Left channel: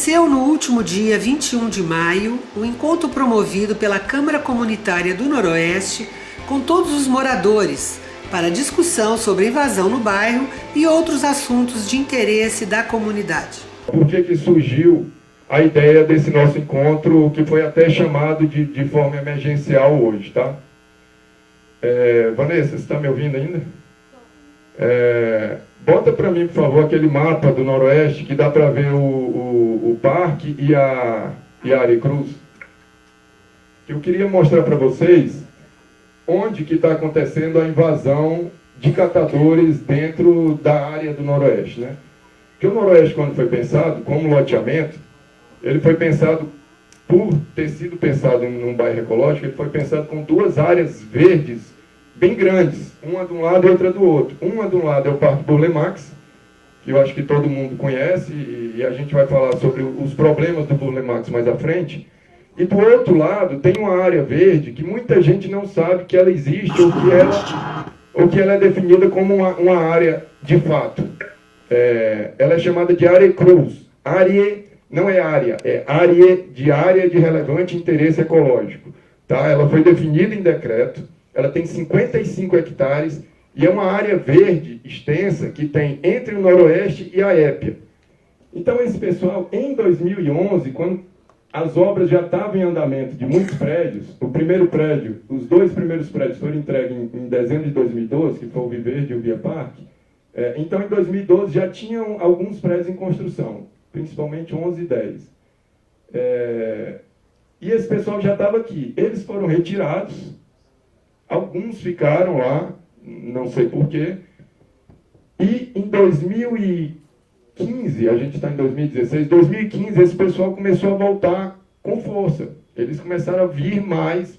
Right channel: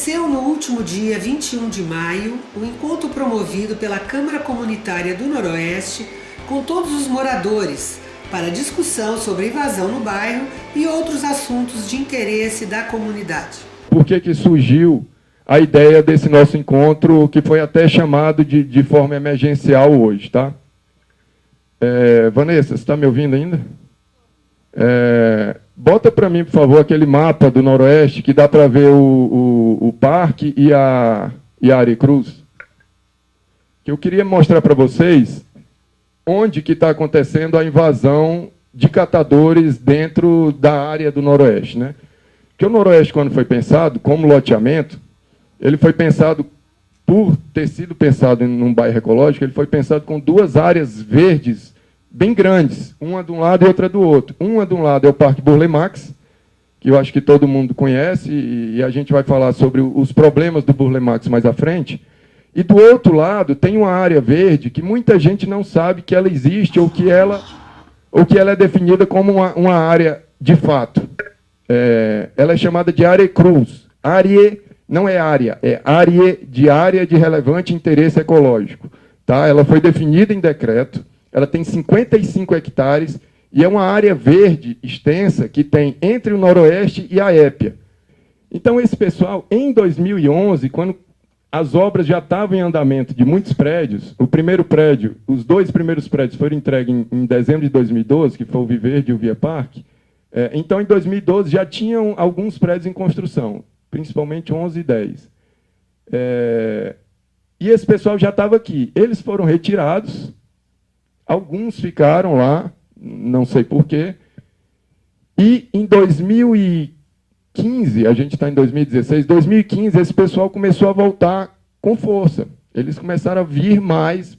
Aconteceu no último dia 21 de maio o encontro promovido pela Câmara Comunitária do Noroeste com todos os moradores para discussão sobre a invasão no bairro e outros assuntos de interesse da comunidade. Por que surgiu a ideia desse nosso encontro, que foi até chamado de forma emergencial hoje, tá? Vanessa, você está me ouvindo ainda? Bota para mim, por favor, aquele mapa do Noroeste que dá para ver o parque e a Aricruz. Que eu queria mostrar para vocês onde que está acontecendo a invasão de catadores dentro da área do Noroeste, né? Porque o Noroeste, quando foi pensado como loteamento, ele foi pensado, por ter sido pensado em um bairro ecológico, ele foi pensado com duas áreas verdes bem grandes, uma de um lado e outra do outro. Uma de um lado é o Parque Burle Marx, que eu acho que todo mundo conhece, e a gente vai falar sobre os problemas do Burle Marx mais à frente. E do outro lado tem uma área verde que muita gente não sabe que ela existe ou que ela é definida como uma área de fato. Ela é chamada de área cruz. Área não é área de relevante interesse ecológico. Tá? Ela foi definida em decreto, ela tem 55 hectares e é uma área verde extensa que tem entre o Noroeste e a Épia. Então esse pessoal, em 2011, quando as obras já estavam em andamento de muitos prédios, os dois primeiros prédios foram entregues em dezembro de 2012, que foi o Viverde e o Via Parque. Então, em 2012, já tinham alguns prédios em construção, principalmente 11 e 10. E esse pessoal já estava aqui. Eles foram retirados, alguns ficaram lá, não sei porquê. E em 2015, a gente está em 2016, 2015, esse pessoal começou a voltar com força. Eles começaram a vir mais.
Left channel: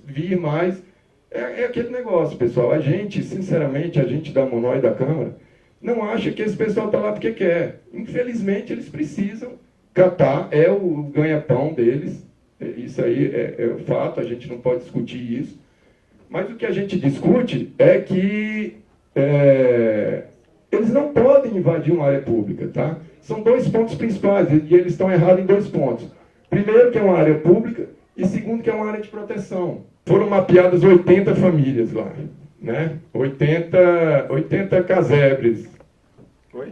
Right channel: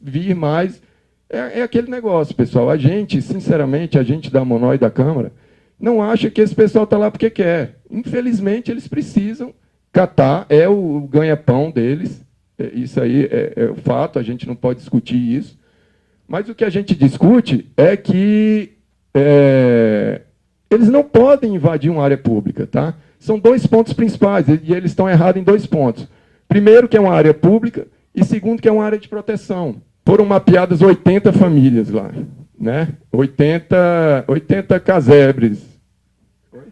É aquele negócio, pessoal. A gente, sinceramente, a gente da Monó e da Câmara, não acha que esse pessoal está lá porque quer. Infelizmente, eles precisam catar, é o ganha-pão deles. Isso aí é fato, a gente não pode discutir isso. Mas o que a gente discute é que eles não podem invadir uma área pública, tá? São dois pontos principais, e eles estão errados em dois pontos. Primeiro, que é uma área pública, e segundo, que é uma área de proteção. Foram mapeadas 80 famílias lá, né? 80 casebres. Oi?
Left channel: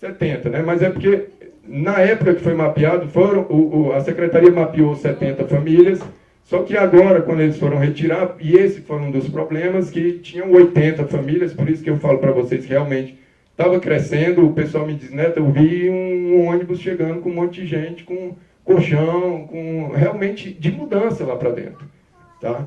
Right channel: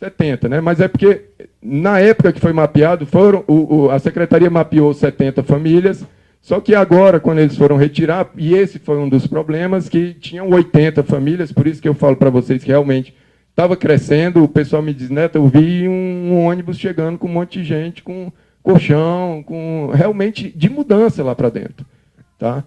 70, né? Mas é porque, na época que foi mapeado, a Secretaria mapeou 70 famílias, só que agora, quando eles foram retirar, e esse foi um dos problemas, que tinham 80 famílias, por isso que eu falo para vocês que realmente estava crescendo. O pessoal me diz, Neto, eu vi um ônibus chegando com um monte de gente, com colchão, com realmente de mudança lá para dentro. Tá?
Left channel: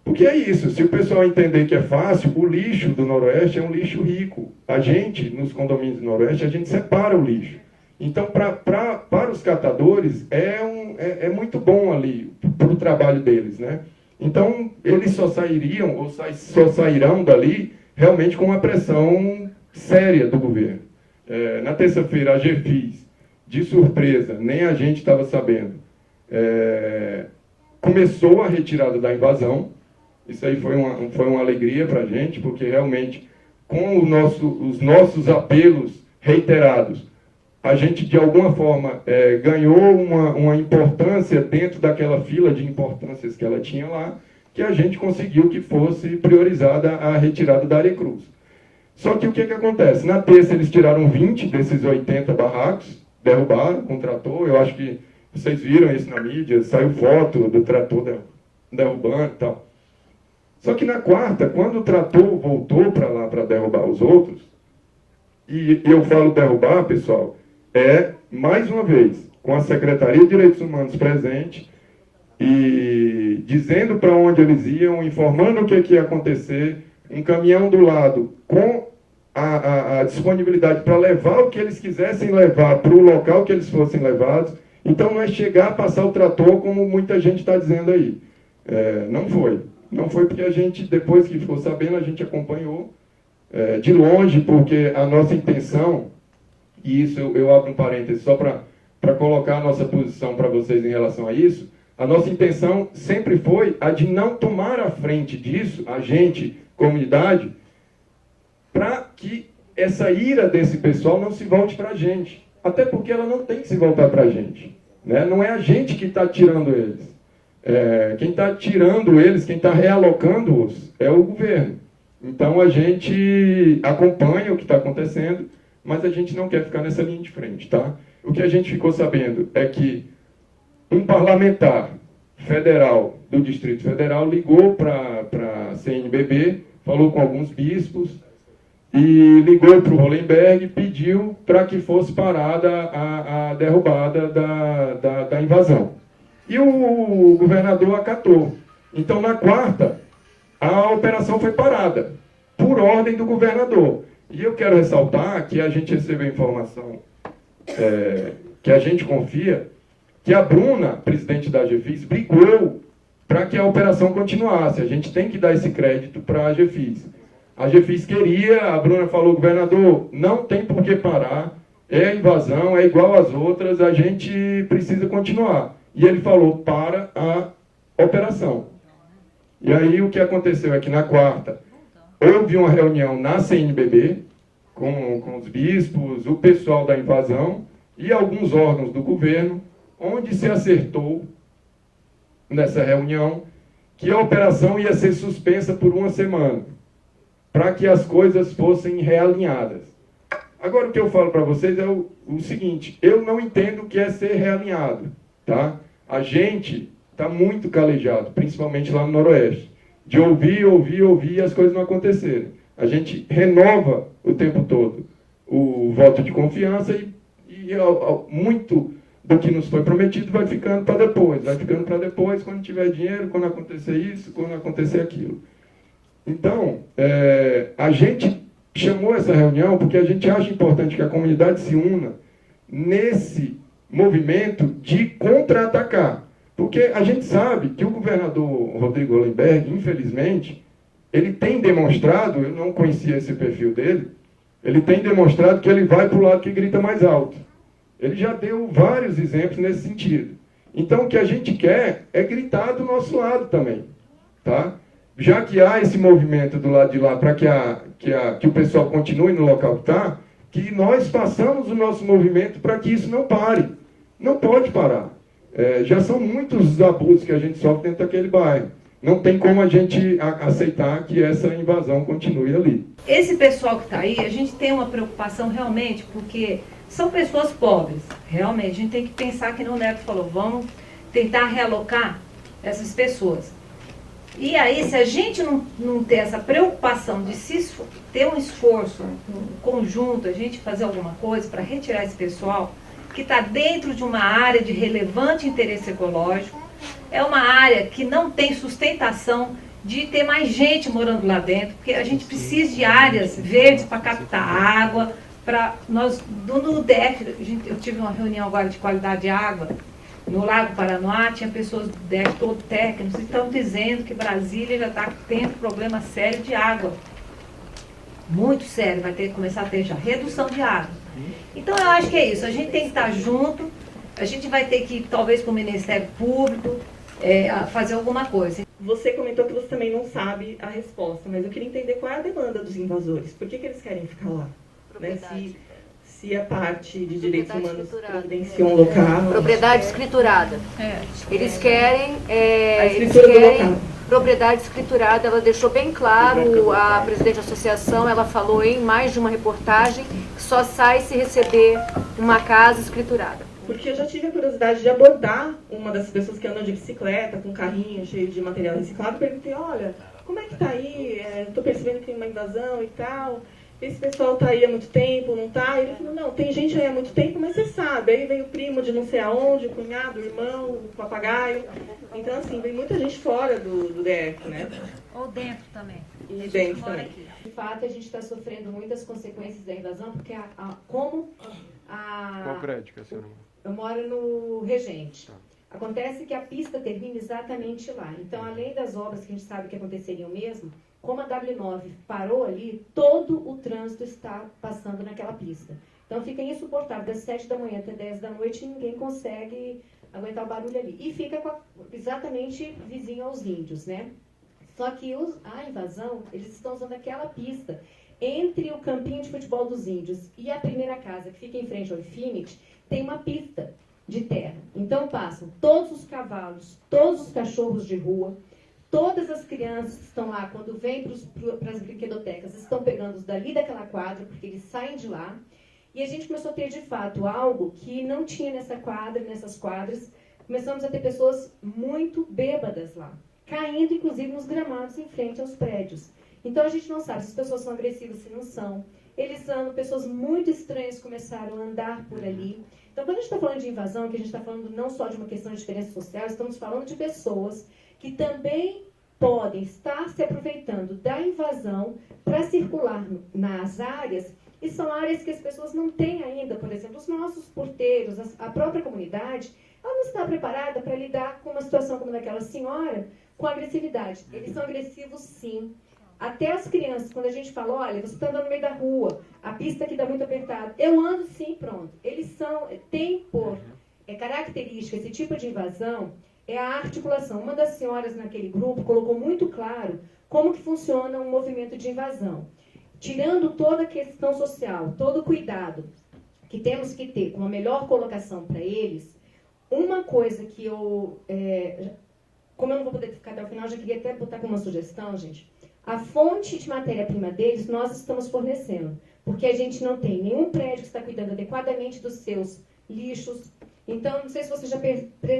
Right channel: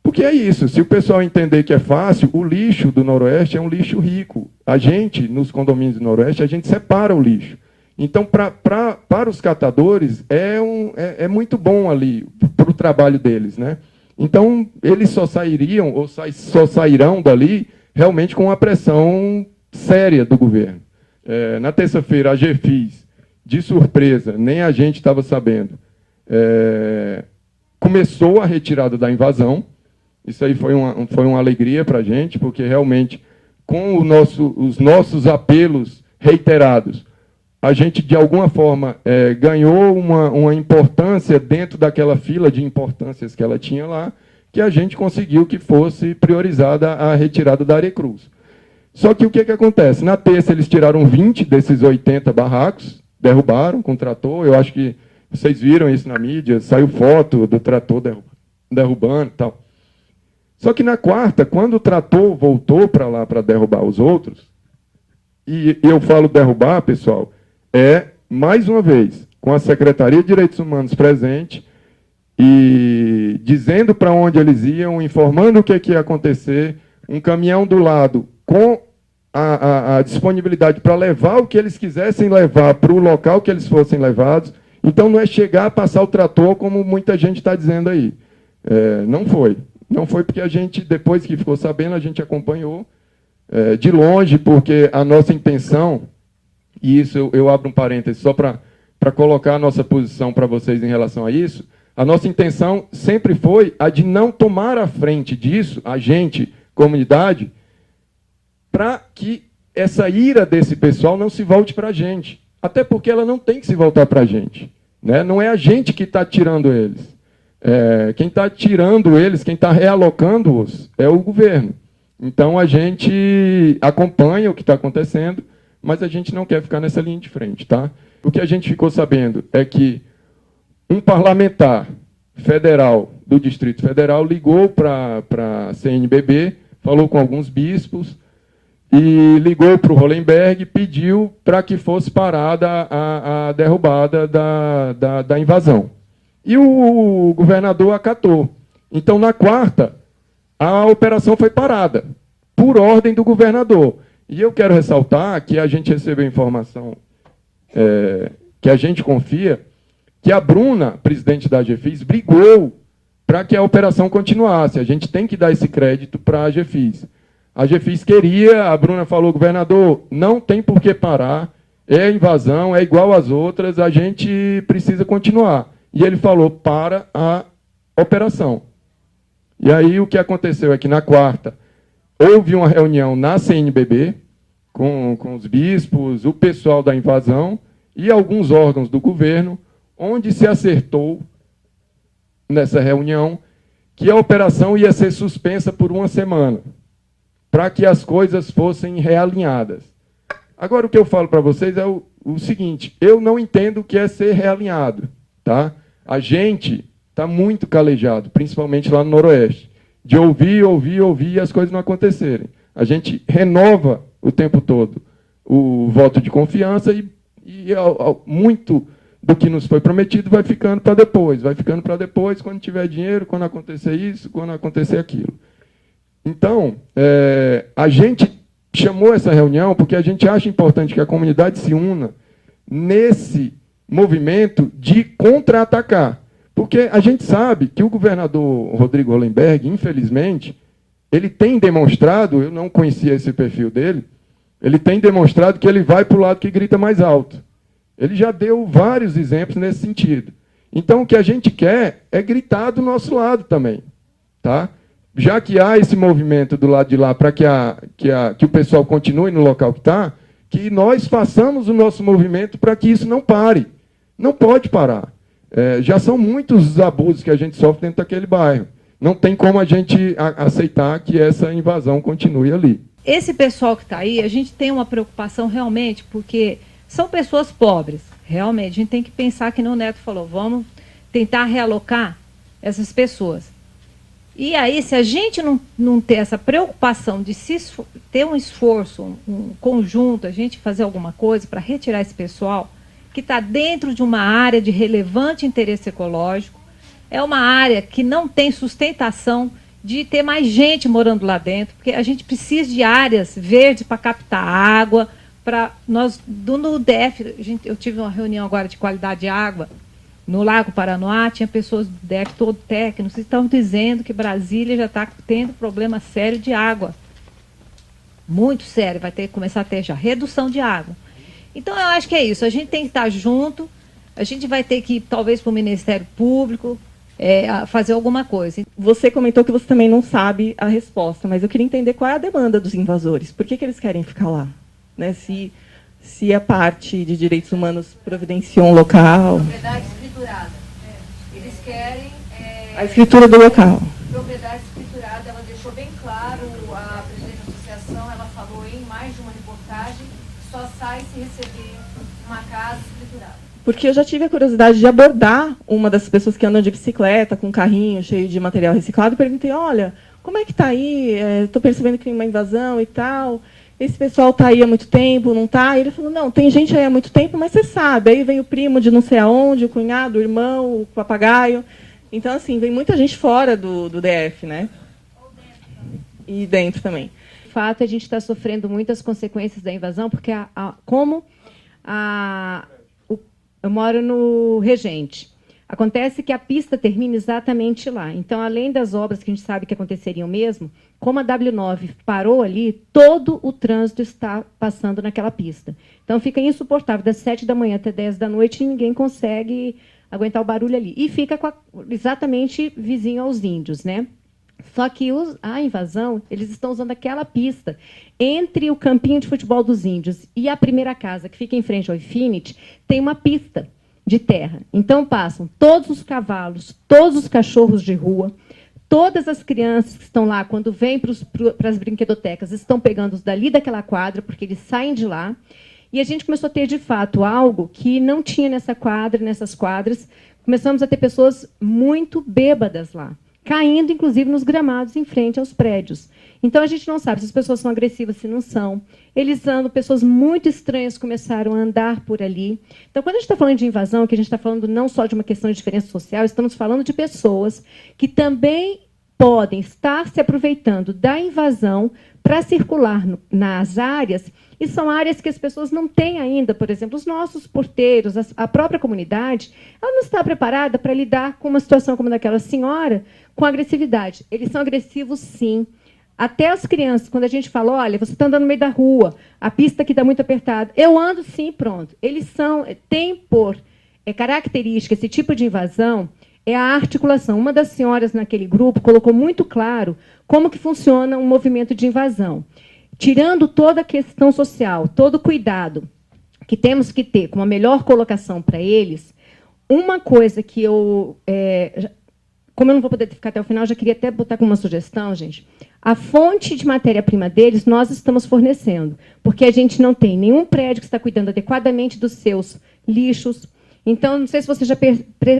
Porque é isso, se o pessoal entender que é fácil, o lixo do Noroeste é um lixo rico. A gente, nos condomínios do Noroeste, a gente separa o lixo. Então, para os catadores, é muito bom ali, para o trabalho deles, né? Então, eles só sairiam, ou só sairão dali, realmente com uma pressão séria do governo. Na terça-feira, a GFIS, de surpresa, nem a gente estava sabendo, começou a retirada da invasão. Isso aí foi uma alegria para a gente, porque realmente, com os nossos apelos reiterados, a gente, de alguma forma, ganhou uma importância dentro daquela fila de importâncias que ela tinha lá, que a gente conseguiu que fosse priorizada a retirada da área cruz. Só que o que acontece? Na terça, eles tiraram 20 desses 80 barracos, derrubaram com trator. Eu acho que vocês viram isso na mídia, saiu foto do trator derrubando e tal. Só que na quarta, quando o trator voltou para lá para derrubar os outros, e eu falo derrubar, pessoal, mais uma vez, com a Secretaria de Direitos Humanos presente, e dizendo para onde eles iam, informando o que ia acontecer, um caminhão do lado com a disponibilidade para levar o que eles quisessem levar para o local que eles fossem levados. Então, não é chegar a passar o trator, como muita gente está dizendo aí. Não foi. Não foi porque a gente, depois que ficou sabendo, a gente acompanhou de longe, porque a nossa intenção, e isso eu abro um parêntese só para colocar a nossa posição para vocês em relação a isso, a nossa intenção sempre foi a de não tomar a frente disso, a gente, comunidade, para que essa ira desse pessoal não se volte para a gente. Até porque ela não tem que se voltar para a gente, né? Não é a gente que está tirando eles. Quem está tirando eles, quem está realocando-os, é o governo. Então, a gente acompanha o que está acontecendo, mas a gente não quer ficar nessa linha de frente, tá? O que a gente ficou sabendo é que um parlamentar federal do Distrito Federal ligou para a CNBB, falou com alguns bispos e ligou para o Hollenberg e pediu para que fosse parada a derrubada da invasão. E o governador acatou. Então, na quarta, a operação foi parada, por ordem do governador. E eu quero ressaltar que a gente recebeu informação que a gente confia, que a Bruna, presidente da AGFIS, brigou para que a operação continuasse. A gente tem que dar esse crédito para a AGFIS. A AGFIS queria, a Bruna falou, governador, não tem por que parar, é invasão, é igual às outras, a gente precisa continuar. E ele falou, para a operação. E aí o que aconteceu é que na quarta, houve uma reunião na CNBB, com os bispos, o pessoal da invasão e alguns órgãos do governo, onde se acertou, nessa reunião, que a operação ia ser suspensa por uma semana, para que as coisas fossem realinhadas. Agora, o que eu falo para vocês é o seguinte, eu não entendo o que é ser realinhado, tá? A gente está muito calejado, principalmente lá no Noroeste, de ouvir e as coisas não acontecerem. A gente renova o tempo todo o voto de confiança e muito do que nos foi prometido vai ficando para depois, quando tiver dinheiro, quando acontecer isso, quando acontecer aquilo. Então, a gente chamou essa reunião porque a gente acha importante que a comunidade se una nesse movimento de contra-atacar. Porque a gente sabe que o governador Rodrigo Hollenberg, infelizmente, ele tem demonstrado, eu não conhecia esse perfil dele, ele tem demonstrado que ele vai para o lado que grita mais alto. Ele já deu vários exemplos nesse sentido. Então, o que a gente quer é gritar do nosso lado também, tá? Já que há esse movimento do lado de lá para que o pessoal continue no local que está, que nós façamos o nosso movimento para que isso não pare. Não pode parar. Já são muitos os abusos que a gente sofre dentro daquele bairro. Não tem como a gente aceitar que essa invasão continue ali. Esse pessoal que está aí, a gente tem uma preocupação realmente, porque são pessoas pobres, realmente. A gente tem que pensar que nem o Neto falou, vamos tentar realocar essas pessoas. E aí, se a gente não ter essa preocupação de ter um esforço um conjunto, a gente fazer alguma coisa para retirar esse pessoal, que está dentro de uma área de relevante interesse ecológico, é uma área que não tem sustentação de ter mais gente morando lá dentro, porque a gente precisa de áreas verdes para captar água, para nós, no DF, eu tive uma reunião agora de qualidade de água, no Lago Paranoá, tinha pessoas do DF, todo técnicos, que estão dizendo que Brasília já está tendo problema sério de água. Muito sério, vai ter que começar a ter já redução de água. Então, eu acho que é isso, a gente tem que estar junto, a gente vai ter que ir, talvez, para o Ministério Público, fazer alguma coisa. Você comentou que você também não sabe a resposta, mas eu queria entender qual é a demanda dos invasores. Por que eles querem ficar lá? Né? Se a parte de direitos humanos providenciou um local... Propriedade escriturada. Eles querem... a escritura do local. Propriedade escriturada, ela deixou bem claro, a presidente da associação, ela falou em mais de uma reportagem, que só sai se receber uma casa escriturada. Porque eu já tive a curiosidade de abordar uma das pessoas que andam de bicicleta, com um carrinho cheio de material reciclado, e perguntei, olha, como é que está aí? Estou percebendo que tem uma invasão e tal... Esse pessoal está aí há muito tempo, não está? Ele falou, não, tem gente aí há muito tempo, mas você sabe, aí vem o primo de não sei aonde, o cunhado, o irmão, o papagaio. Então, assim, vem muita gente fora do DF, né? Ou dentro também. E dentro também. De fato, a gente está sofrendo muitas consequências da invasão, porque eu moro no Regente. Acontece que a pista termina exatamente lá. Então, além das obras que a gente sabe que aconteceriam mesmo, como a W9 parou ali, todo o trânsito está passando naquela pista. Então, fica insuportável, das 7 da manhã até 10 da noite, ninguém consegue aguentar o barulho ali. E fica exatamente vizinho aos índios, né? Só que a invasão, eles estão usando aquela pista entre o campinho de futebol dos índios e a primeira casa, que fica em frente ao Infinity, tem uma pista de terra. Então passam todos os cavalos, todos os cachorros de rua, todas as crianças que estão lá, quando vêm para as brinquedotecas, estão pegando os dali daquela quadra, porque eles saem de lá. E a gente começou a ter, de fato, algo que não tinha nessa quadra, nessas quadras. Começamos a ter pessoas muito bêbadas lá, caindo, inclusive, nos gramados em frente aos prédios. Então, a gente não sabe se as pessoas são agressivas, se não são. Eles andam, pessoas muito estranhas começaram a andar por ali. Então, quando a gente está falando de invasão, que a gente está falando não só de uma questão de diferença social, estamos falando de pessoas que também podem estar se aproveitando da invasão para circular nas áreas, e são áreas que as pessoas não têm ainda. Por exemplo, os nossos porteiros, a própria comunidade, ela não está preparada para lidar com uma situação como daquela senhora com agressividade. Eles são agressivos, sim. Até as crianças, quando a gente fala, olha, você está andando no meio da rua, a pista aqui está muito apertada. Eu ando, sim, pronto. Eles têm por característica esse tipo de invasão, é a articulação. Uma das senhoras naquele grupo colocou muito claro como que funciona um movimento de invasão. Tirando toda a questão social, todo o cuidado que temos que ter com uma melhor colocação para eles, uma coisa que eu... como eu não vou poder ficar até o final, já queria até botar como uma sugestão, gente. A fonte de matéria-prima deles nós estamos fornecendo, porque a gente não tem nenhum prédio que está cuidando adequadamente dos seus lixos. Então, não sei se vocês já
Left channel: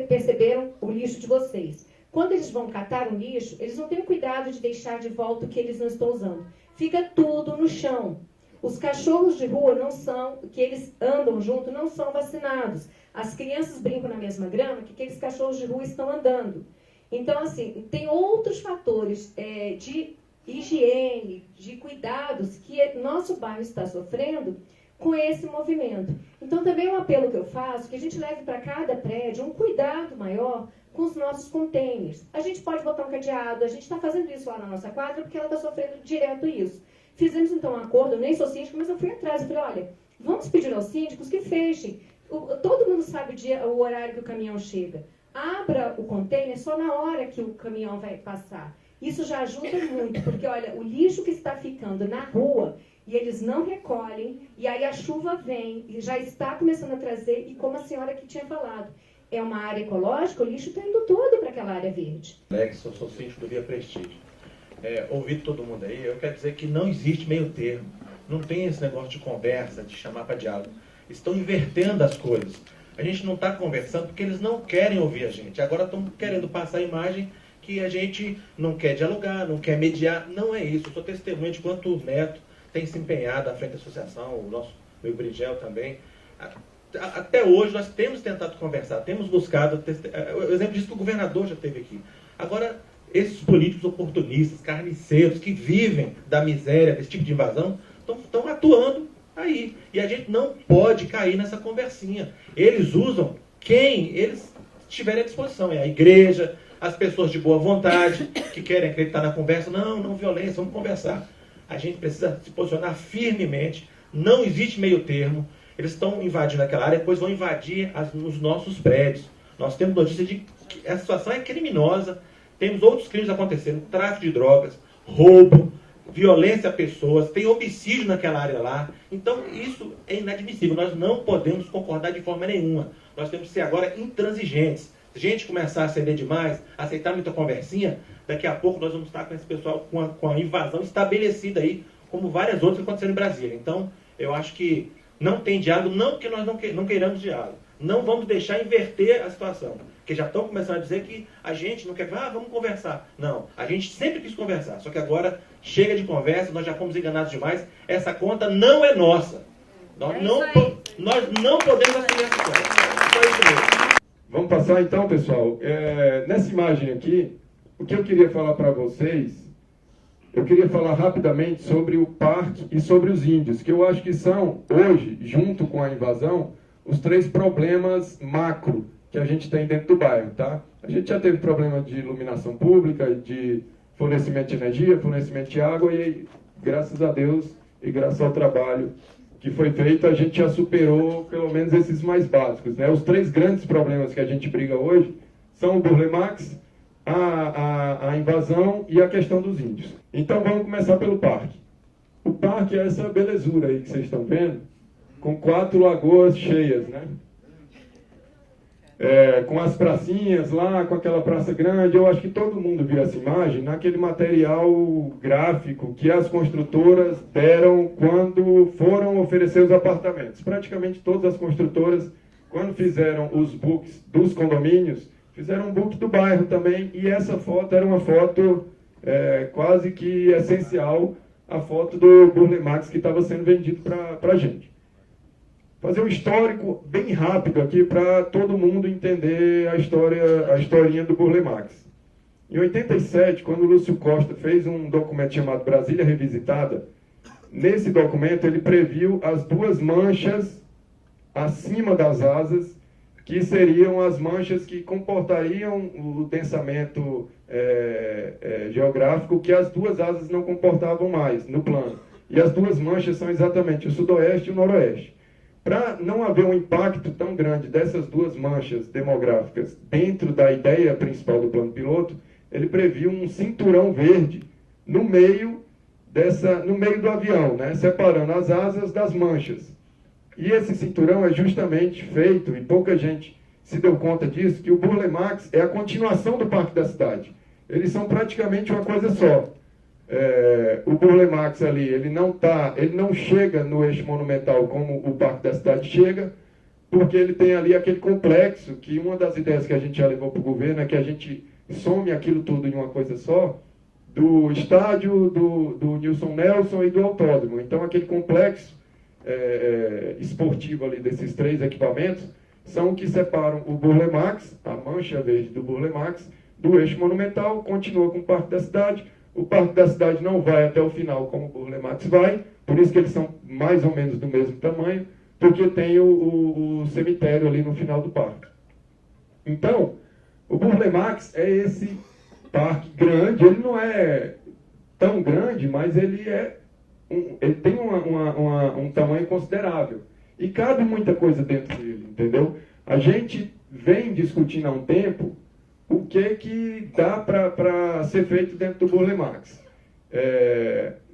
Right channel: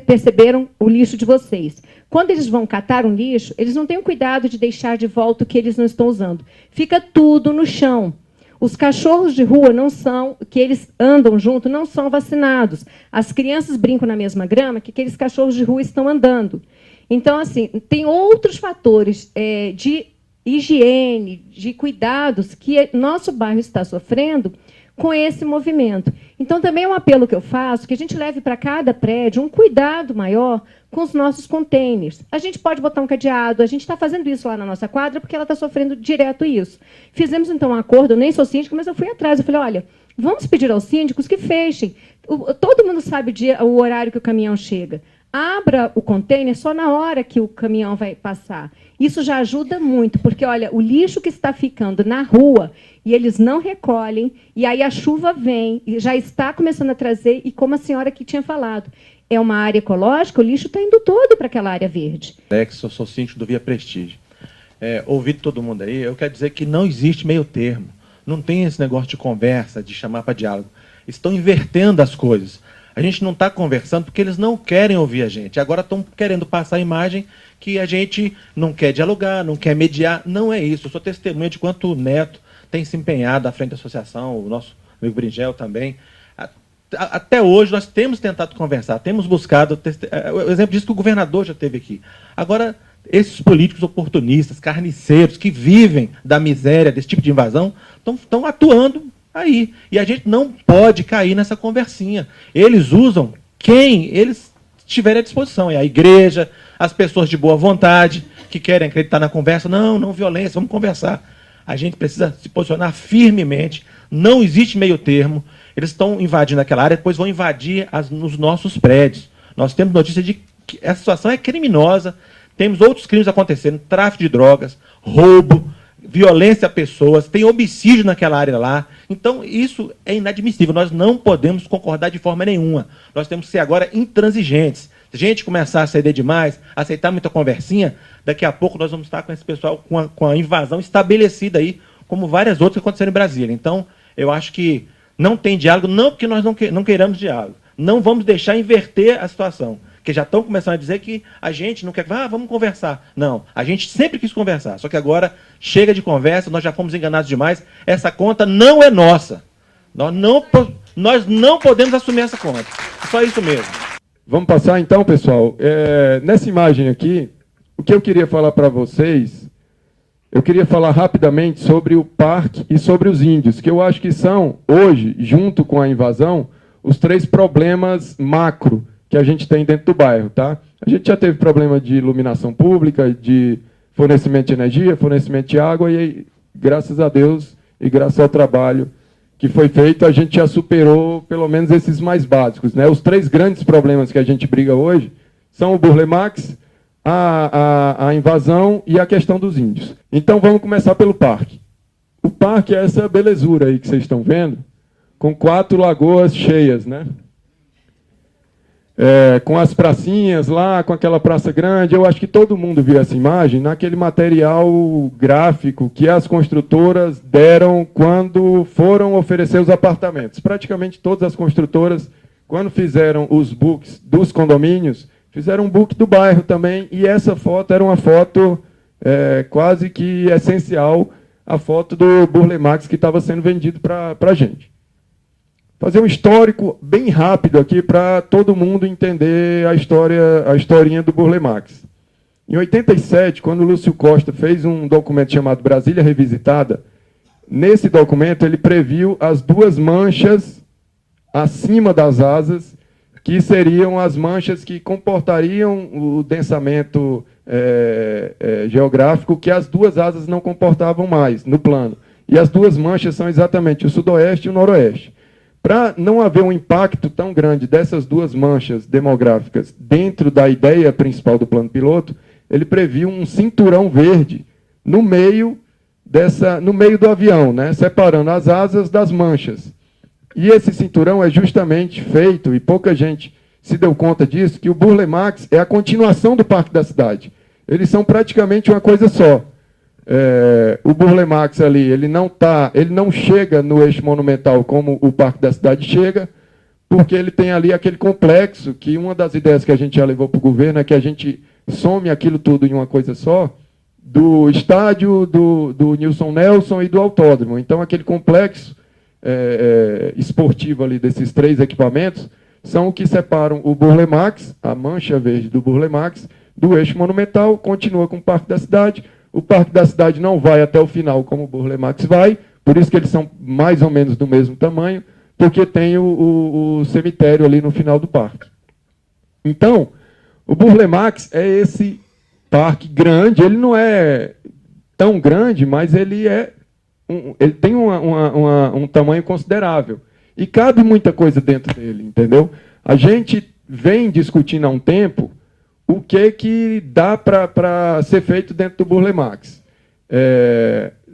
perceberam o lixo de vocês. Quando eles vão catar um lixo, eles não têm o cuidado de deixar de volta o que eles não estão usando. Fica tudo no chão. Os cachorros de rua não são, que eles andam junto, não são vacinados. As crianças brincam na mesma grama que aqueles cachorros de rua estão andando. Então, assim, tem outros fatores de higiene, de cuidados que nosso bairro está sofrendo com esse movimento. Então, também é um apelo que eu faço, que a gente leve para cada prédio um cuidado maior com os nossos containers. A gente pode botar um cadeado, a gente está fazendo isso lá na nossa quadra porque ela está sofrendo direto isso. Fizemos, então, um acordo, eu nem sou síndica, mas eu fui atrás, eu falei, olha, vamos pedir aos síndicos que fechem. Todo mundo sabe o horário que o caminhão chega. Abra o container só na hora que o caminhão vai passar. Isso já ajuda muito, porque, olha, o lixo que está ficando na rua, e eles não recolhem, e aí a chuva vem, e já está começando a trazer, e como a senhora aqui tinha falado, é uma área ecológica, o lixo está indo todo para aquela área verde. Eu sou síndico do Via Prestígio. Ouvi todo mundo aí, eu quero dizer que não existe meio termo. Não tem esse negócio de conversa, de chamar para diálogo. Estão invertendo as coisas. A gente não está conversando porque eles não querem ouvir a gente. Agora estão querendo passar a imagem que a gente não quer dialogar, não quer mediar. Não é isso. Eu sou testemunha de quanto o Neto tem se empenhado à frente da associação, o nosso amigo Bringel também. Até hoje nós temos tentado conversar, temos buscado... O exemplo disso que o governador já teve aqui. Agora, esses políticos oportunistas, carniceiros, que vivem da miséria, desse tipo de invasão, estão atuando aí. E a gente não pode cair nessa conversinha. Eles usam quem eles tiverem à disposição. É a igreja, as pessoas de boa vontade, que querem acreditar na conversa. Não violência, vamos conversar. A gente precisa se posicionar firmemente. Não existe meio termo. Eles estão invadindo aquela área, depois vão invadir nos nossos prédios. Nós temos notícia de que essa situação é criminosa. Temos outros crimes acontecendo, tráfico de drogas, roubo, violência a pessoas, tem homicídio naquela área lá. Então, isso é inadmissível. Nós não podemos concordar de forma nenhuma. Nós temos que ser agora intransigentes. Se a gente começar a ceder demais, aceitar muita conversinha, daqui a pouco nós vamos estar com esse pessoal com a invasão estabelecida aí, como várias outras que aconteceram em Brasília. Então, eu acho que não tem diálogo, não porque nós não queiramos diálogo. Não vamos deixar inverter a situação. Porque já estão começando a dizer que a gente não quer... vamos conversar. Não, a gente sempre quis conversar. Só que agora chega de conversa, nós já fomos enganados demais. Essa conta não é nossa. Nós não podemos assumir essa conta. Só isso mesmo. Vamos passar então, pessoal. Nessa imagem aqui, o que eu queria falar para vocês, eu queria falar rapidamente sobre o parque e sobre os índios, que eu acho que são, hoje, junto com a invasão, os 3 problemas macro que a gente tem dentro do bairro, tá? A gente já teve problema de iluminação pública, de fornecimento de energia, fornecimento de água, e graças a Deus e graças ao trabalho que foi feito, a gente já superou pelo menos esses mais básicos, né? Os 3 grandes problemas que a gente briga hoje são o Burle Marx, a invasão e a questão dos índios. Então vamos começar pelo parque. O parque é essa belezura aí que vocês estão vendo, com 4 lagoas cheias, né? Com as pracinhas lá, com aquela praça grande. Eu acho que todo mundo viu essa imagem naquele material gráfico que as construtoras deram quando foram oferecer os apartamentos. Praticamente todas as construtoras, quando fizeram os books dos condomínios, fizeram um book do bairro também, e essa foto era uma foto quase que essencial, a foto do Burle Marx que estava sendo vendido para a gente. Fazer um histórico bem rápido aqui para todo mundo entender a historinha do Burle Marx. Em 87, quando o Lúcio Costa fez um documento chamado Brasília Revisitada, nesse documento ele previu as 2 manchas acima das asas, que seriam as manchas que comportariam o densamento geográfico que as 2 asas não comportavam mais no plano. E as 2 manchas são exatamente o sudoeste e o noroeste. Para não haver um impacto tão grande dessas 2 manchas demográficas dentro da ideia principal do plano piloto, ele previu um cinturão verde no meio do avião, né, separando as asas das manchas. E esse cinturão é justamente feito, e pouca gente se deu conta disso, que o Burle Marx é a continuação do Parque da Cidade. Eles são praticamente uma coisa só. O Burle Marx ali, ele não chega no eixo monumental como o Parque da Cidade chega, porque ele tem ali aquele complexo, que uma das ideias que a gente já levou para o governo é que a gente some aquilo tudo em uma coisa só, do estádio, do Nilson Nelson e do autódromo. Então, aquele complexo esportivo ali desses 3 equipamentos são o que separam o Burle Marx, a mancha verde do Burle Marx, do eixo monumental, continua com o Parque da Cidade. O Parque da Cidade não vai até o final como o Burle Marx vai, por isso que eles são mais ou menos do mesmo tamanho, porque tem o cemitério ali no final do parque. Então, o Burle Marx é esse parque grande, ele não é tão grande, mas ele tem um tamanho considerável. E cabe muita coisa dentro dele, entendeu? A gente vem discutindo há um tempo o que dá para ser feito dentro do Burle Marx.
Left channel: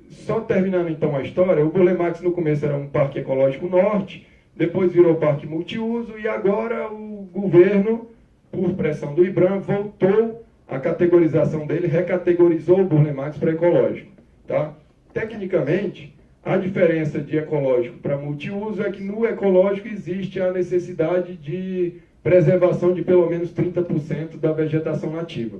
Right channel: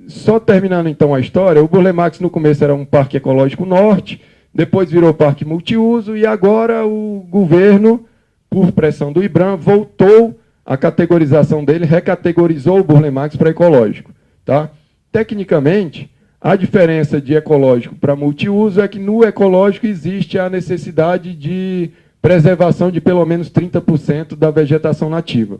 Só terminando então a história, o Burle Marx no começo era um parque ecológico norte, depois virou parque multiuso, e agora o governo, por pressão do IBRAM, voltou a categorização dele, recategorizou o Burle Marx para ecológico. Tá? Tecnicamente, a diferença de ecológico para multiuso é que no ecológico existe a necessidade de preservação de pelo menos 30% da vegetação nativa.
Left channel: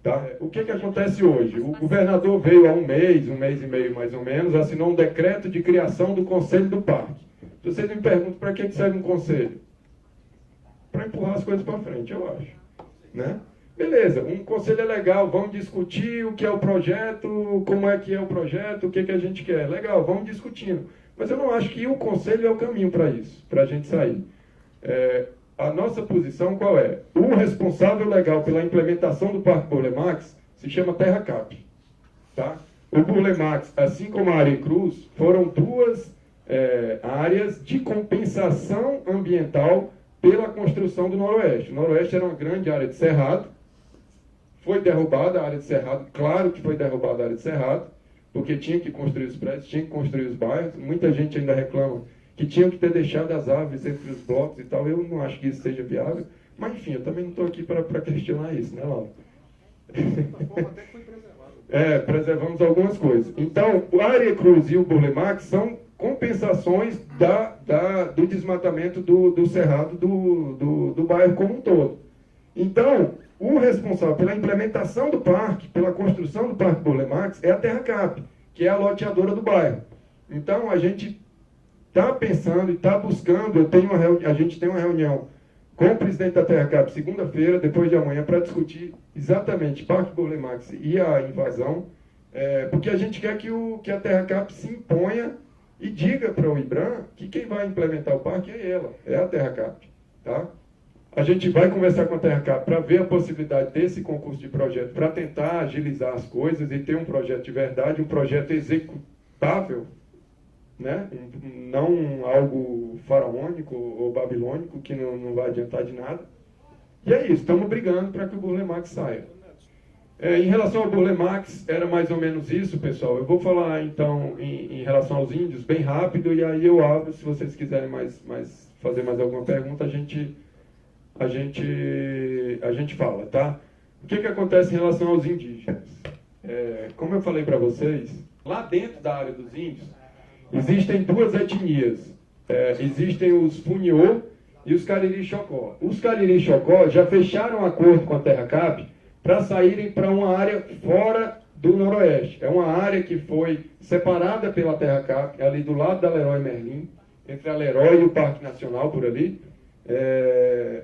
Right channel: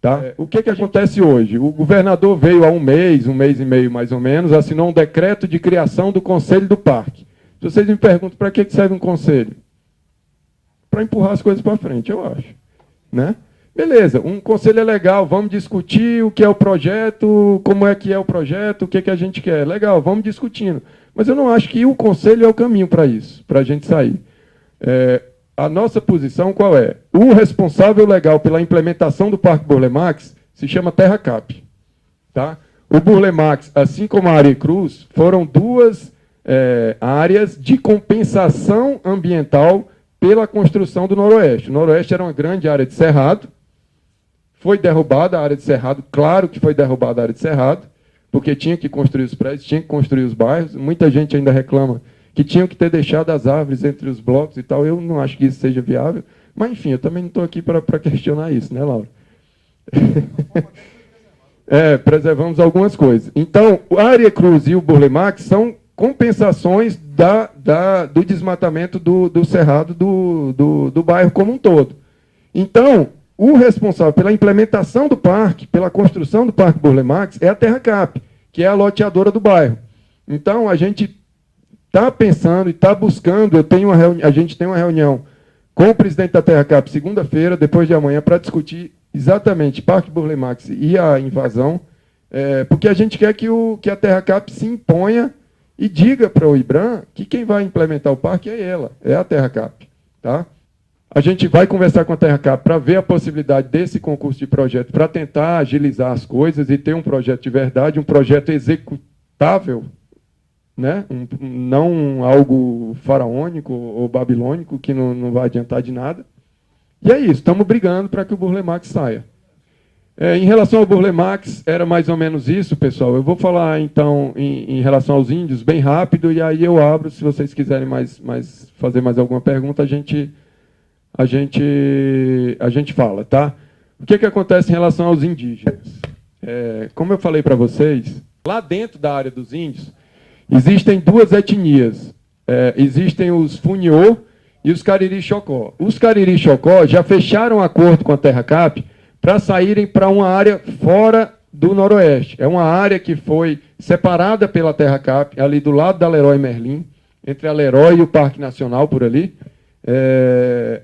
Tá? O que acontece hoje? O governador veio há um mês e meio mais ou menos, assinou um decreto de criação do Conselho do Parque. Se vocês me perguntam para que serve um conselho? Para empurrar as coisas para frente, eu acho. Né? Beleza, um conselho é legal, vamos discutir o que é o projeto, como é que é o projeto, o que a gente quer. Legal, vamos discutindo. Mas eu não acho que o conselho é o caminho para isso, para a gente sair. A nossa posição qual é? O responsável legal pela implementação do Parque Burle Marx se chama TerraCap. Tá? O Burle Marx, assim como a Aricruz, foram 2 áreas de compensação ambiental pela construção do Noroeste. O Noroeste era uma grande área de cerrado, foi derrubada a área de cerrado, claro que foi derrubada a área de cerrado, porque tinha que construir os prédios, tinha que construir os bairros. Muita gente ainda reclama que tinham que ter deixado as árvores entre os blocos e tal. Eu não acho que isso seja viável, mas enfim, eu também não estou aqui para questionar isso, né, Laura? Preservamos algumas coisas. Então, a Aricruz e o Burle Marx são compensações do desmatamento do cerrado do bairro como um todo. Então, o responsável pela implementação do parque, pela construção do Parque Burle Marx, é a TerraCap, que é a loteadora do bairro. Então, a gente está pensando e está buscando, a gente tem uma reunião com o presidente da TerraCap segunda-feira, depois de amanhã, para discutir exatamente Parque Burle Marx e a invasão, porque a gente quer que a TerraCap se imponha e diga para o IBRAM que quem vai implementar o parque é ela, é a TerraCap. Tá? A gente vai conversar com a TerraCap para ver a possibilidade desse concurso de projeto, para tentar agilizar as coisas e ter um projeto de verdade, um projeto executável, né? Não algo faraônico ou babilônico, que não vai adiantar de nada. E é isso, estamos brigando para que o Burle Marx saia. Em relação ao Burle Marx, era mais ou menos isso, pessoal. Eu vou falar, então, em relação aos índios, bem rápido, e aí eu abro, se vocês quiserem fazer mais alguma pergunta, a gente fala, tá? O que acontece em relação aos indígenas? Como eu falei para vocês, lá dentro da área dos índios, existem duas etnias. Existem os Funiô e os Cariri-Chocó. Os Cariri-Chocó já fecharam acordo com a Terra Cap para saírem para uma área fora do Noroeste. É uma área que foi separada pela Terra Cap, ali do lado da Leroy Merlin, entre a Leroy e o Parque Nacional, por ali.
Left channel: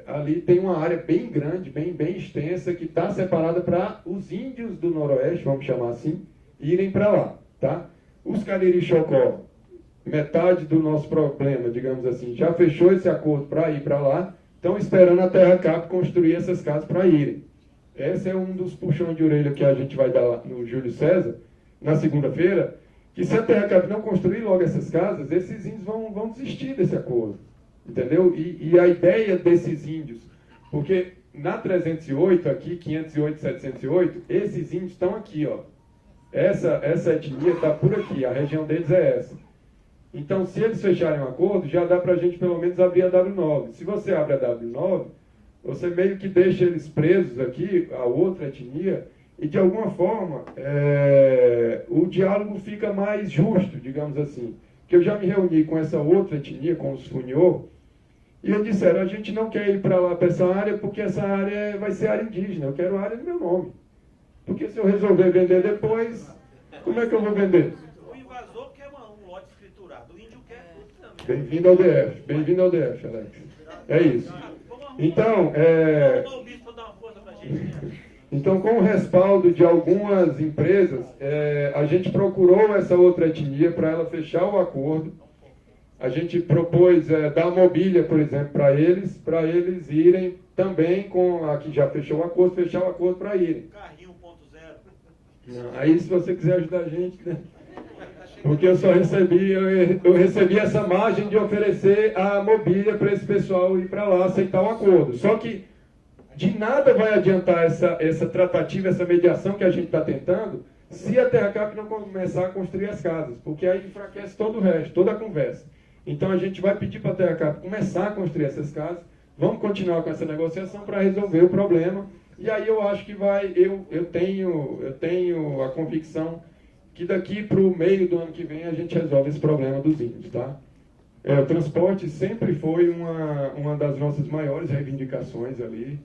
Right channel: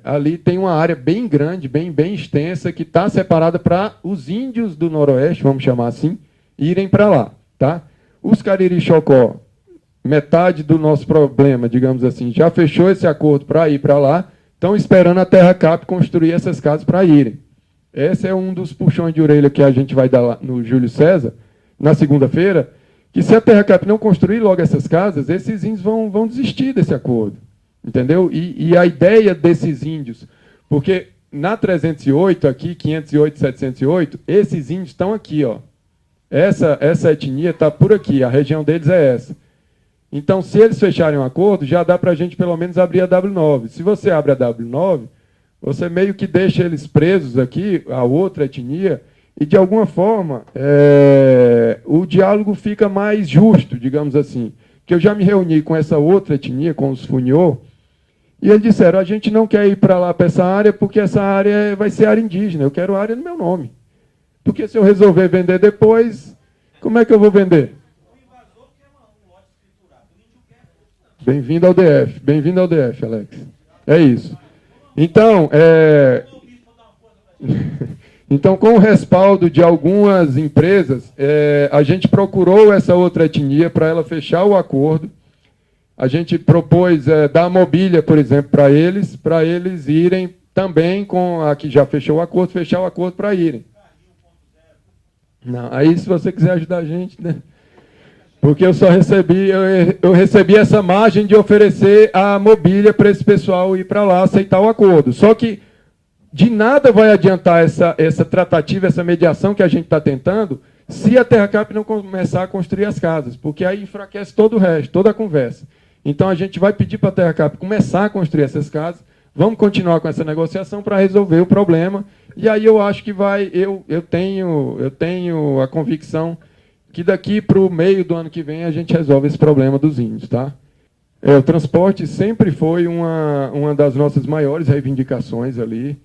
Ali tem uma área bem grande, bem extensa, que está separada para os índios do Noroeste, vamos chamar assim, irem para lá. Tá? Os Cariri-Chocó, metade do nosso problema, digamos assim, já fechou esse acordo para ir para lá, estão esperando a Terra Cap construir essas casas para irem. Esse é um dos puxões de orelha que a gente vai dar lá no Júlio César, na segunda-feira, que se a Terra Cap não construir logo essas casas, esses índios vão desistir desse acordo. Entendeu? E a ideia desses índios, porque na 308, aqui, 508, 708, esses índios estão aqui, ó. Essa etnia está por aqui, a região deles é essa. Então, se eles fecharem um acordo, já dá para a gente pelo menos abrir a W9. Se você abre a W9, você meio que deixa eles presos aqui, a outra etnia, e de alguma forma o diálogo fica mais justo, digamos assim. Que eu já me reuni com essa outra etnia, com os Funiô, e eles disseram, a gente não quer ir para lá, para essa área, porque essa área vai ser área indígena, eu quero área no meu nome. Porque se eu resolver vender depois, como é que eu vou vender? O invasor quer um lote escriturado, o índio quer tudo também. Bem-vindo ao DF, Alex. É isso. Então, então, com o respaldo de algumas empresas, a gente procurou essa outra etnia para ela fechar o acordo. A gente propôs dar mobília, por exemplo, para eles irem também com a que já fechou o acordo, fechar o acordo para irem. Carrinho 1.0. Não, aí se você quiser ajudar a gente, né? Porque eu só recebi essa margem de oferecer a mobília para esse pessoal ir para lá aceitar o acordo. Só que de nada vai adiantar essa tratativa, essa mediação que a gente está tentando, se a Terra Cap não começar a construir as casas, porque aí enfraquece todo o resto, toda a conversa. Então a gente vai pedir para a Terra Cap começar a construir essas casas, vamos continuar com essa negociação para resolver o problema, e aí eu acho que eu tenho a convicção que daqui para o meio do ano que vem a gente resolve esse problema dos índios, tá? O transporte sempre foi uma das nossas maiores reivindicações ali.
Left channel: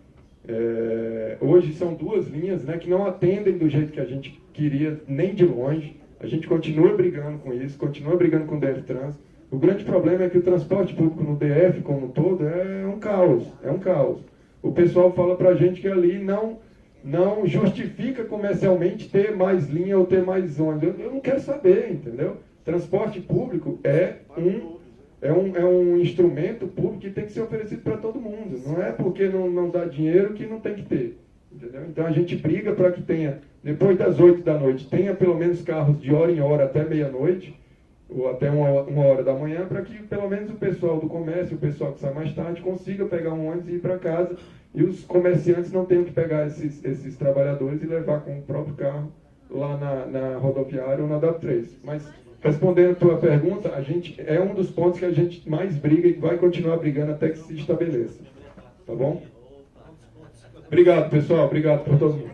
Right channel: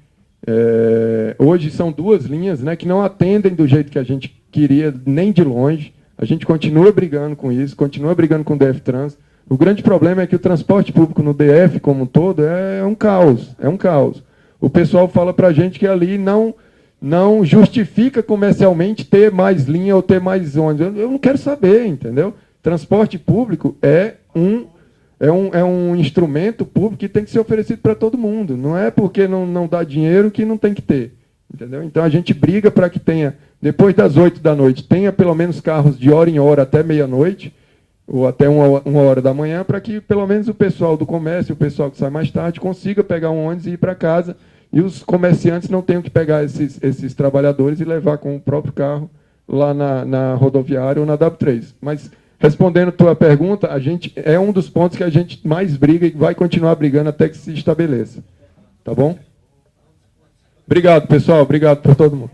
Hoje são duas linhas, né, que não atendem do jeito que a gente queria, nem de longe. A gente continua brigando com isso, continua brigando com o DF Trans. O grande problema é que o transporte público no DF como um todo é um caos, O pessoal fala para a gente que ali não justifica comercialmente ter mais linha ou ter mais ônibus. Eu não quero saber, entendeu? Transporte público é um instrumento público que tem que ser oferecido para todo mundo. Não é porque não dá dinheiro que não tem que ter. Entendeu? Então a gente briga para que tenha, depois das 8 da noite, tenha pelo menos carros de hora em hora até meia-noite, ou até uma hora da manhã, para que pelo menos o pessoal do comércio, o pessoal que sai mais tarde, consiga pegar um ônibus e ir para casa. E os comerciantes não tenham que pegar esses trabalhadores e levar com o próprio carro lá na rodoviária ou na W3. Mas, respondendo a tua pergunta, é um dos pontos que a gente mais briga e vai continuar brigando até que se estabeleça. Tá bom? Obrigado, pessoal. Obrigado por todo mundo.